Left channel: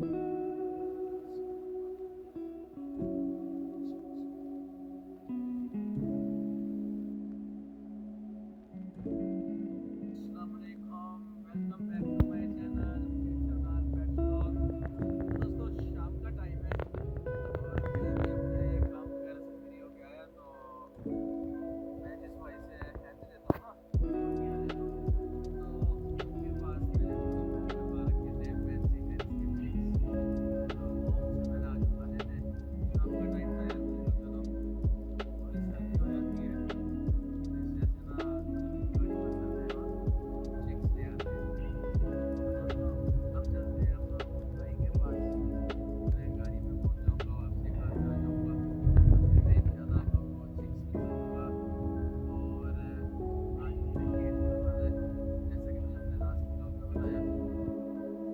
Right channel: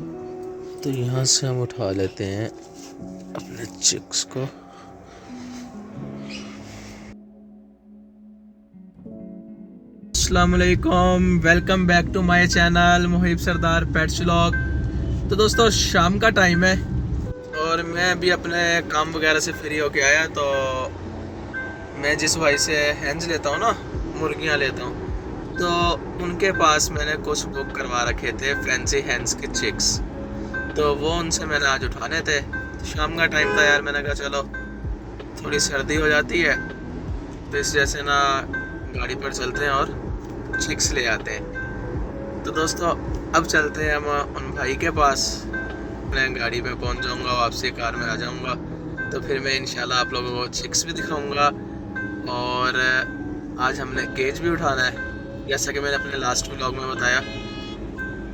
तो यहाँ से हम उठा लेते हैं अपने चिक्स को। अस्सलाम वालेकुम, welcome back to my channel Muhib Sardar pets vlog. तो दोस्तों शाम का टाइम है और मैं अभी अपने काम वगैरह से फ्री होके आया। तो मैं जिस भाई से हैंस लेता हूँ ना, मुर्गियाँ लेता हूँ, तो उनके पास मैंने कुछ बुक करवा रखे थे फैंसी हैंस के चिक्स। तो वो उनसे मैंने आज उठाने थे। तो शाम का टाइम था यार, मैंने कहा चलो थोड़ी सर्दी हो जाती है तो इस जैसे ना गाड़ी पर चलते हैं और चिक्स ले आते हैं। तो दोस्तों अब चलते हैं हम उन भाई के पास। मैं गाड़ी पे पहुंच जाऊंगा, वापसी कार में आ जाऊंगा, तो फिर मैं इंशाल्लाह आप लोगों को चिक्स भी दिखाऊंगा। और आज हमने केज भी उठाना है, जैसा कि मैंने अपने लास्ट व्लॉग में बताया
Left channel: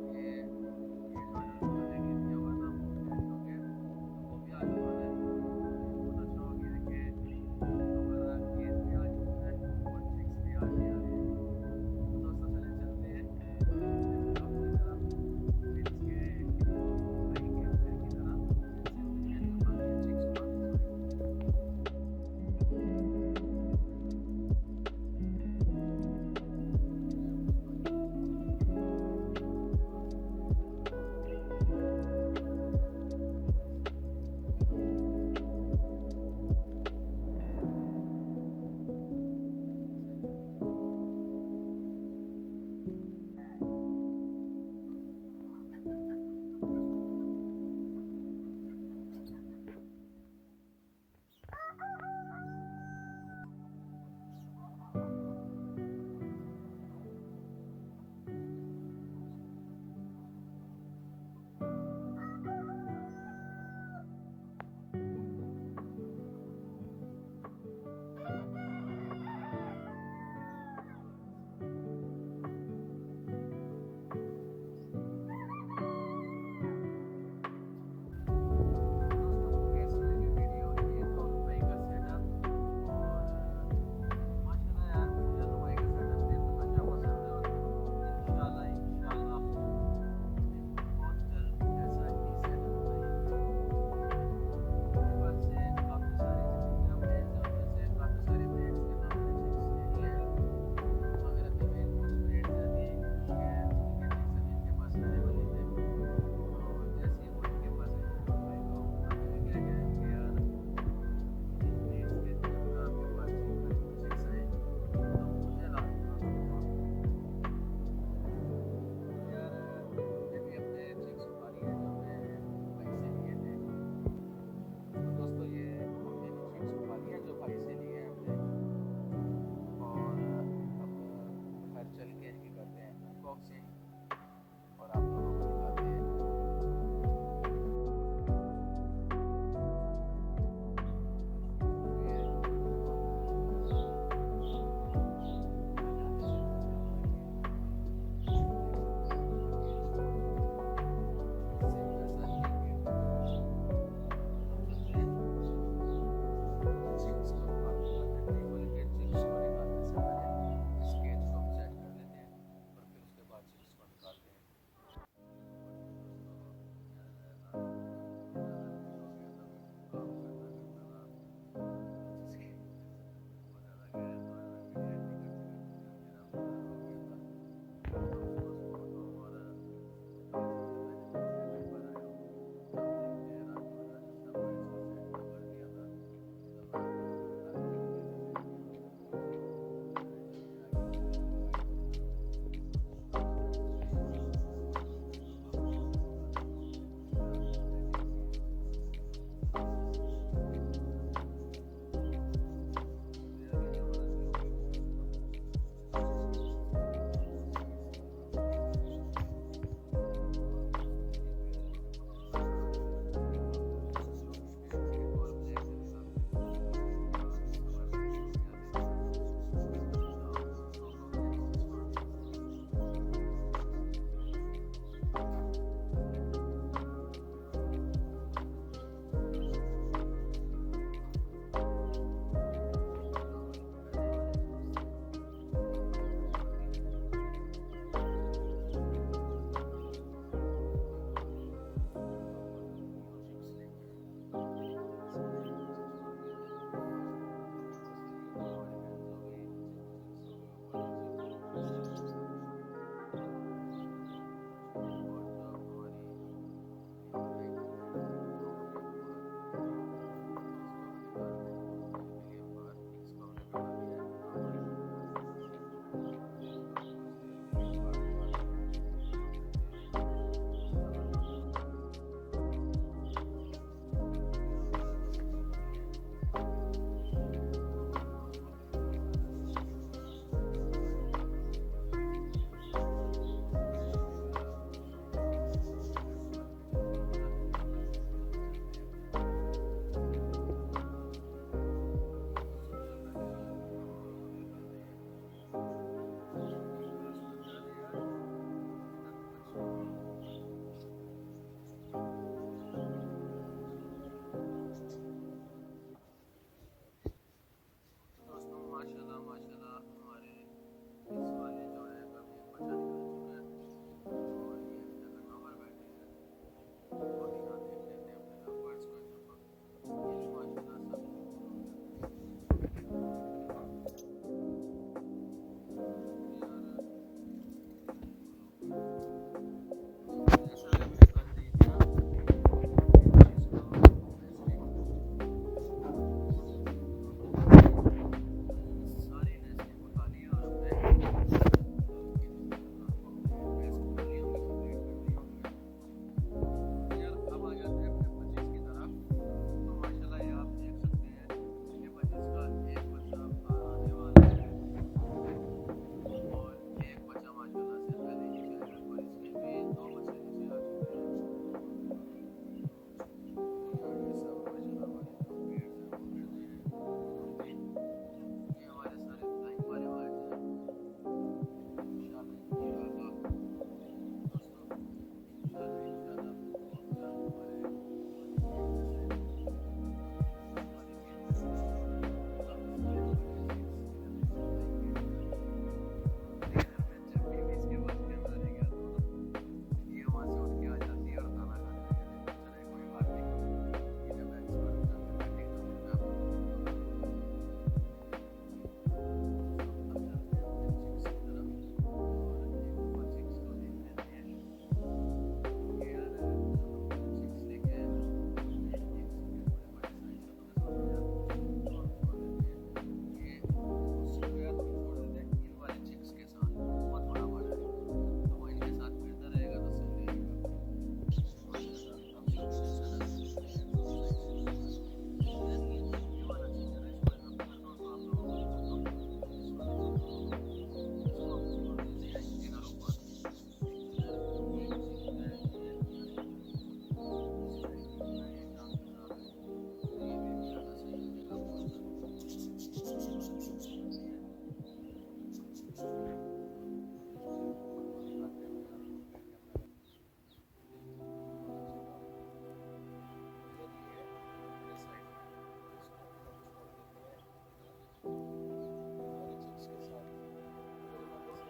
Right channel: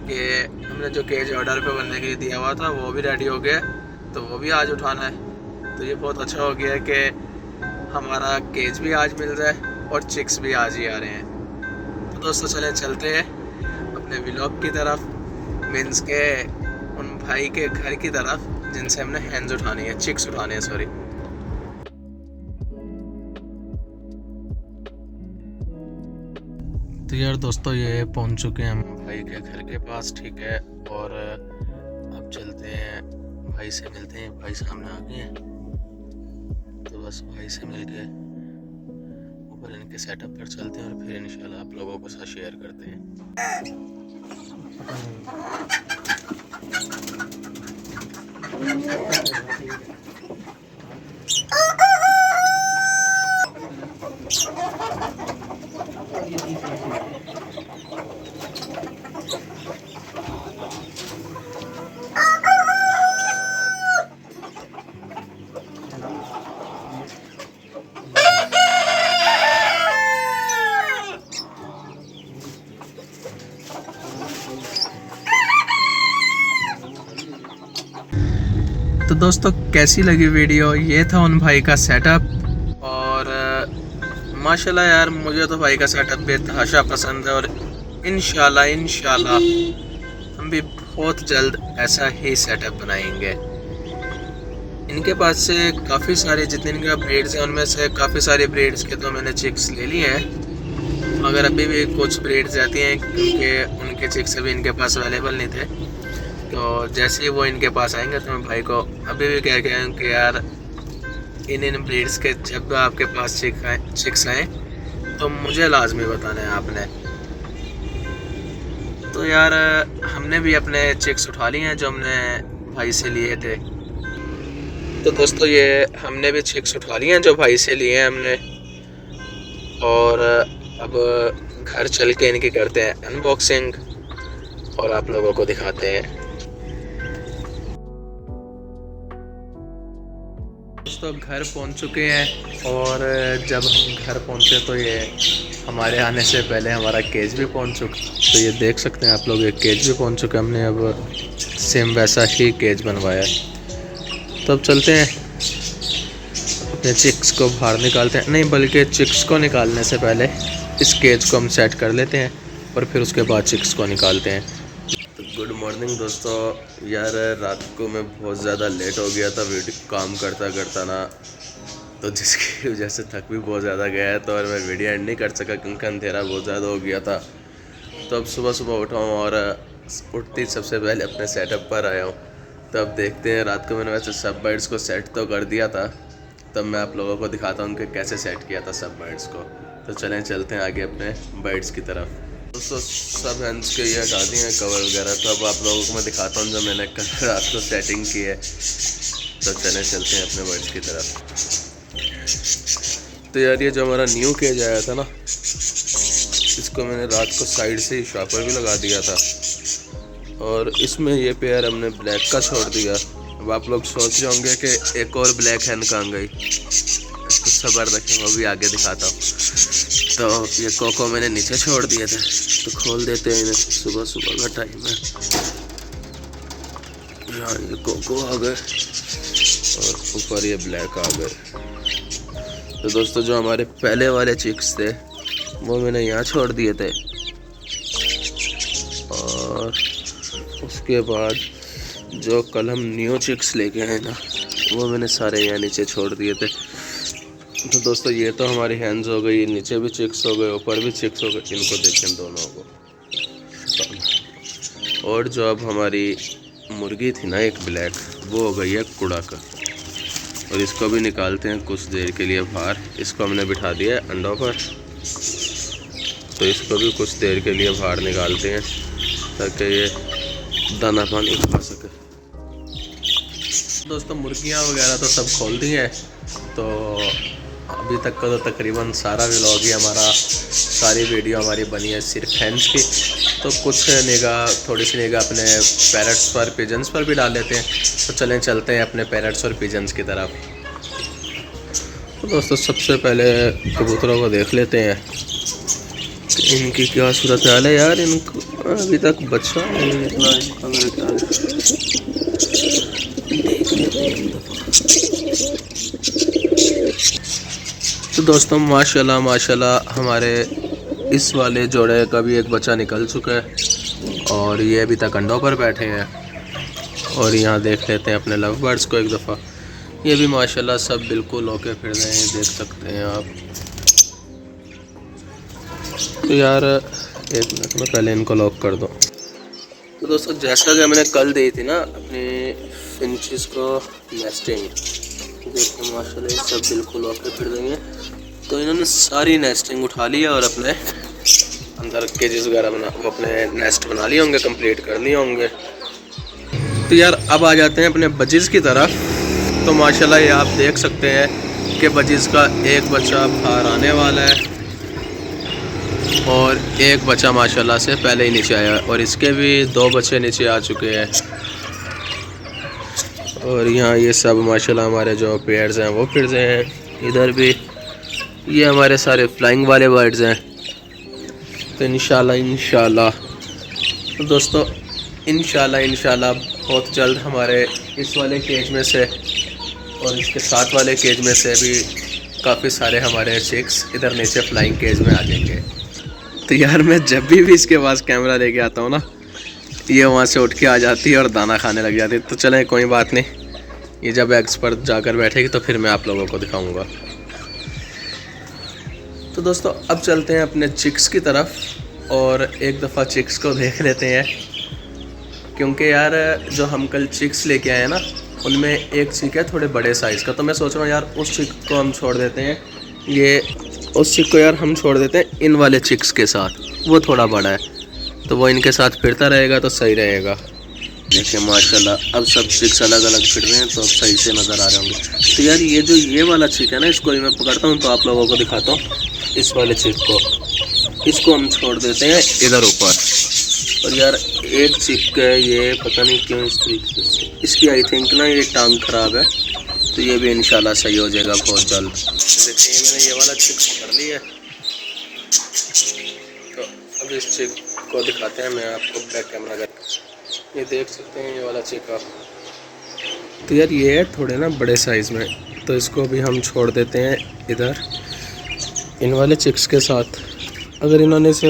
कि हमने जो केज ऑर्डर पे बनने के लिए दिया हुआ था वो भी रेडी हो गया, तो वो भी आज उठाना है। तो ये बहुत अच्छा हो गया कि हमारा केज भी आज मिल जाए और चिक्स भी आज ही आ रहे हैं। तो दोस्तों चले चलते हैं अपने व्लॉग की तरफ, मीन्स के उन भाई के घर की तरफ जिनसे हमने हैंस उठानी है, चिक्स उठाने हैं सॉरी। तो यार दोस्तों ये पहुंच चुके हैं हम भाई के घर के पास, ठीक है। और अब चलते हैं भाई से मिलते हैं। भाई सामने आ गए हैं, तो बस भाई से मिल के ऊपर इनके सेटअप पर चलते हैं और फिर इंशाल्लाह आप लोगों के साथ शेयर करते हैं। तो दोस्तों कैसी लगी वीडियो? ये था उन भाई का सेटअप और माशाल्लाह यार मुझे तो भाई का सेटअप बेतहाशा पसंद है। और इंशाल्लाह हम भी बहुत जल्द ऐसा ही सेटअप बनाएंगे। इनके पास से काफ़ी सारे जितने इनका ब्रीड्स हैं उनमें से काफ़ी सारे ब्रीड्स के तो मैंने चिक्स ले लिए हैं, मगर अभी भी कुछ ब्रीड्स आती हैं क्योंकि उनके चिक्स अभी इनके पास अवेलेबल नहीं थे। तो जैसे ही वो इनके पास आएंगे तो मैं भाई को अभी भी कह गया हूँ कि यार इन ब्रीड्स के जब आपके पास चिक्स आए तो मुझे लाजमी बताना है आपने। तो यार हमने भी अपने चिक्स उठा लिए हैं जो हमने भाई से लिए थे। तो दोस्तों ये हमने भी चिक्स उठा लिए हैं जो भाई से लिए हैं हमने, और अब घर चल के इनकी करते हैं अनबॉक्सिंग और आप लोगों को दिखाते हैं। दोस्तों घर पहुंच चुके हैं और जब हम घर पहुंचे तो ये हमारे आने से पहले हमारा केज भी पहुंच चुका। तो ये देख सकते हैं आप लोग, ये केज भी पहुंच चुका। हमने अब सेम वैसा ही केज बनवाया है। तो अब चलते हैं अपने चिक्स को बाहर निकालते हैं, नहीं बल्कि चिक्स को निकालने से पहले इस केज को हम सेट कर लेते हैं और फिर उसके बाद चिक्स को निकालते हैं। गुड मॉर्निंग दोस्तों। यार रात को मैं बहुत ज़्यादा लेट हो गया था वीडियो काम करता करता ना, तो जिसकी वजह से थक भी बहुत ज़्यादा गया है, तो और मैं वीडियो एंड नहीं कर सका क्योंकि अंधेरा बहुत ज़्यादा हो गया था। तो अब सुबह सुबह उठा हूँ और उठते ही सबसे पहले अपने सेटअप पर आया हूँ। तो अब देखते हैं, रात को मैंने वैसे सब बर्ड्स को सेट तो कर दिया था, तब मैं आप लोगों को दिखाता हूँ कि कैसे सेट किया था सब बर्ड्स को। तो चलते हैं आगे अपने बर्ड्स की तरफ। दोस्तों सब हैंड्स के ये हटा दिए हैं कवर वगैरह, तो अब आप लोगों को मैं दिखाता हूँ जो मैंने कल रात को सेटिंग की है। तो चलते हैं अपने बर्ड्स की तरफ। तो यार ये जो हमारा न्यू केज आया था ना, इसको मैंने रात को साइड से ही शॉपर भी लगा दिया था और इसमें ये पेयर हमने ब्लैक का छोड़ दिया। अब आप लोग सोच रहे होंगे कि एक और ब्लैक हैन कहाँ गई, इसको सब्र रखें, वो भी आगे दिखाता हूँ। तो ये कोको मैंने नीचे छोड़ दिए थे, तो खोल देते हैं इन्हें, सुबह सुबह का टाइम है। यहाँ ये कोको आ गए और ऊपर ये ब्लैक आ गए। तो दोस्तों जो हमारे पहले वाले चिक्स थे वो मैंने यहाँ छोड़ दिए थे और उसके बाद जो कल हम न्यू चिक्स लेके आए ना, वो मैंने सारे यहाँ नीचे छोड़ दिए थे। तो दोस्तों ये तो हमारी हैंड्स हो गई, नीचे भी चिक्स हो गए, ऊपर भी चिक्स हो गए, इनको देखें दोनों को। और जो अब हमारी मुर्गी थी ना एक ब्लैक, वो हो गई है कुड़ा का। और इसको भी निकालते हैं कुछ देर के लिए बाहर। इसको हमने बिठा दिया है अंडों पर, तो इसको भी कुछ देर के लिए बाहर निकालते हैं ताकि ये दाना पानी खा सके। दोस्तों मुर्गियाँ वगैरह तो सब खोल दी हैं, तो अभी तक का तो तकरीबन सारा व्लॉग ही हमारा, सारी वीडियो हमारी बनी है सिर्फ हैंड्स की। तो कुछ निगाह, थोड़ी सी निगाह अपने पैरट्स पर, पिजन्स पर भी डाल लेते हैं। तो चलें चलते हैं अपने पैरट्स और पिजन्स की तरफ। तो दोस्तों सबसे पहले कबूतरों को देख लेते हैं कि इनकी क्या सूरत हाल है। यार इनको अभी तक बच्चा नहीं निकला इनका मेरे ख्याल। तो दोस्तों माशाल्लाह माशाल्लाह हमारे इस वाले जोड़े का भी एक बच्चा निकल चुका है और ये अभी तक अंडों पर बैठे हैं। और यहाँ देख लेते हैं अपने लव बर्ड्स को एक दफ़ा। ये भी माशाल्लाह सब बिल्कुल होके फिर रहे हैं, देख सकते हैं आप। तो यार एक मिनट में पहले इनको लॉक कर दो। तो दोस्तों जैसा कि हमने कल दी थी ना अपने फिंचेस को नेस्टिंग, देखिए माशाल्लाह ये सब बिल्कुल होके फिर रही है। तो इन्होंने सारी नेस्टिंग उठा लिया और अपने अंदर केजेस वगैरह बना, वो अपने नेस्ट बना लिए होंगे, कंप्लीट कर लिए होंगे। तो यार अब आ जाते हैं अपने बजीज़ की तरफ। तो माशाल्लाह ये आप देख सकते हैं कि बजीज़ का एक बच्चा बाहर आने वाला है और एक बच्चा माशाल्लाह से पहले ही नीचे आया है और इसके भी 2 बच्चे नीचे आ चुके हैं। और यहाँ ये सब माशाल्लाह हमारे जो पेयर्स हैं वो फिर रहे हैं। इधर भी ये हमारे सारे फ्लाइंग वाले बर्ड्स हैं। तो इंशाल्लाह तो दोस्तों इंशाल्लाह बहुत जल्द हमारे इस वाले केज में से और इसके साथ वाले केज में से भी काफ़ी सारे हमारे चिक्स इधर नीचे फ्लाइंग केज में आ जाएंगे। तो यार मैं जब भी इसके पास कैमरा लेके आता हूँ ना, ये वहाँ से उठ के आ जाती है और दाना खाने लग जाती है। तो चलें कोई बात नहीं, ये जब एग्स पर जाकर बैठेगी तो फिर मैं आप लोगों को दिखाऊंगा। तो दोस्तों अब चलते हैं अपने चिक्स की तरफ और एक दफ़ा चिक्स को देख लेते हैं, क्योंकि यार जो हम कल चिक्स लेके आए हैं ना, उनमें एक चिक है थोड़े बड़े साइज़ का। तो मैं सोच रहा हूँ यार उस चिक को हम छोड़ देते हैं, ये उस चिक को यार हम छोड़ देते हैं इन वाले चिक्स के साथ, वो थोड़ा बड़ा है तो वो इनके साथ फिरता रहेगा तो सही रहेगा। देखिए माशाल्लाह अब सब चिक्स अलग अलग फिर रहे हैं तो अब सही से नज़र आ रहे होंगे। तो यार ये वाला चिक है ना, इसको मैं पकड़ता हूँ तो आप लोगों को दिखाता हूँ। इस वाले चिक को, इसको हम छोड़ देते हैं इधर ऊपर। और यार एक चिक है, ये पता नहीं क्यों इस तरीके से, इसकी आई थिंक ना ये टांग ख़राब है, तो ये भी इंशाल्लाह सही हो जाएगा बहुत जल्द। देखिए मैंने ये वाला चिक पकड़ लिया है, तो अब इस चिक को दिखाते हैं। मैं आपको बैक कैमरा कर, ये देख सकते हैं ये वाला चिक आप। तो यार ये है थोड़े ना बड़े साइज़ में, तो इसको भी हम छोड़ देते हैं इधर इन वाले चिक्स के साथ। अगर इन्होंने से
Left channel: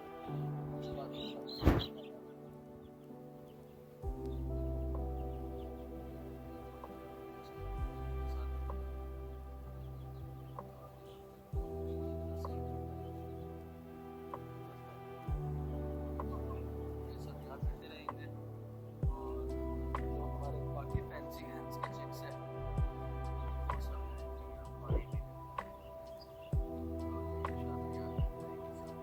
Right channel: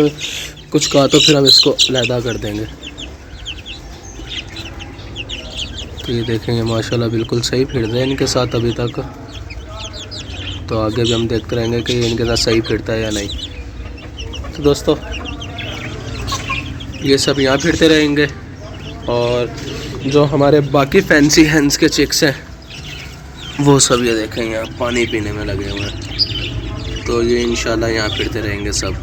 कुछ कहा तो फिर हम इसको अलहदा कर देंगे। तो ये देखेंगे माशाल्लाह बिल्कुल सही फिर रहे हैं इनके साथ अभी तक। तो आगे भी हम देखते रहेंगे कि इनके साथ सही फिरता है या नहीं। तो दोस्तों ये सब यहाँ फिरते रहेंगे और जो हमारे बाकी फैंसी हैंड्स के चिक्स हैं वो सब ये देखें यहाँ पानी पीने में लगे हुए हैं। तो ये इंशाल्लाह यहाँ फिरते रहेंगे सब।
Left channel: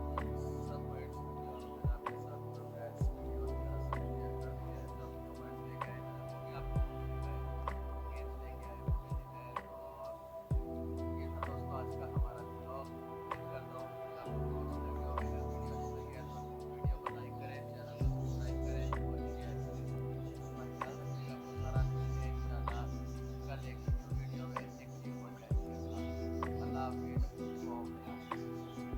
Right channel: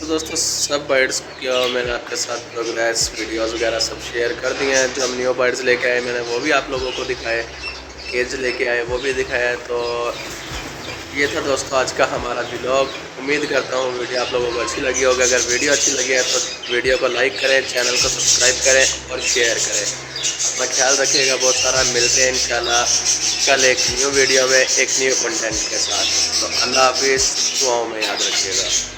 तो दोस्तों सब बर्ड्स क्या मैंने आपके साथ प्रोग्रेस वीडियोस वगैरह सब शेयर कर दिए हैं। जो हम न्यू बर्ड्स लेके आए मैंने वो भी आप लोगों को दिखाए, केज लेके आए वो भी दिखाया। तो ये था दोस्तों आज का हमारा व्लॉग। उम्मीद करता हूँ वीडियो आप लोगों को अच्छी लगी होगी। अगर वीडियो अच्छी लगी है तो वीडियो को लाइक करें, चैनल को सब्सक्राइब करें और शेयर करें। अपना ख्याल रखिएगा बहुत सारा। मिलते हैं इंशाल्लाह कल एक न्यू वीडियो में एक न्यू कंटेंट के साथ। तो अल्लाह हाफिज़, दुआओं में याद रखिएगा।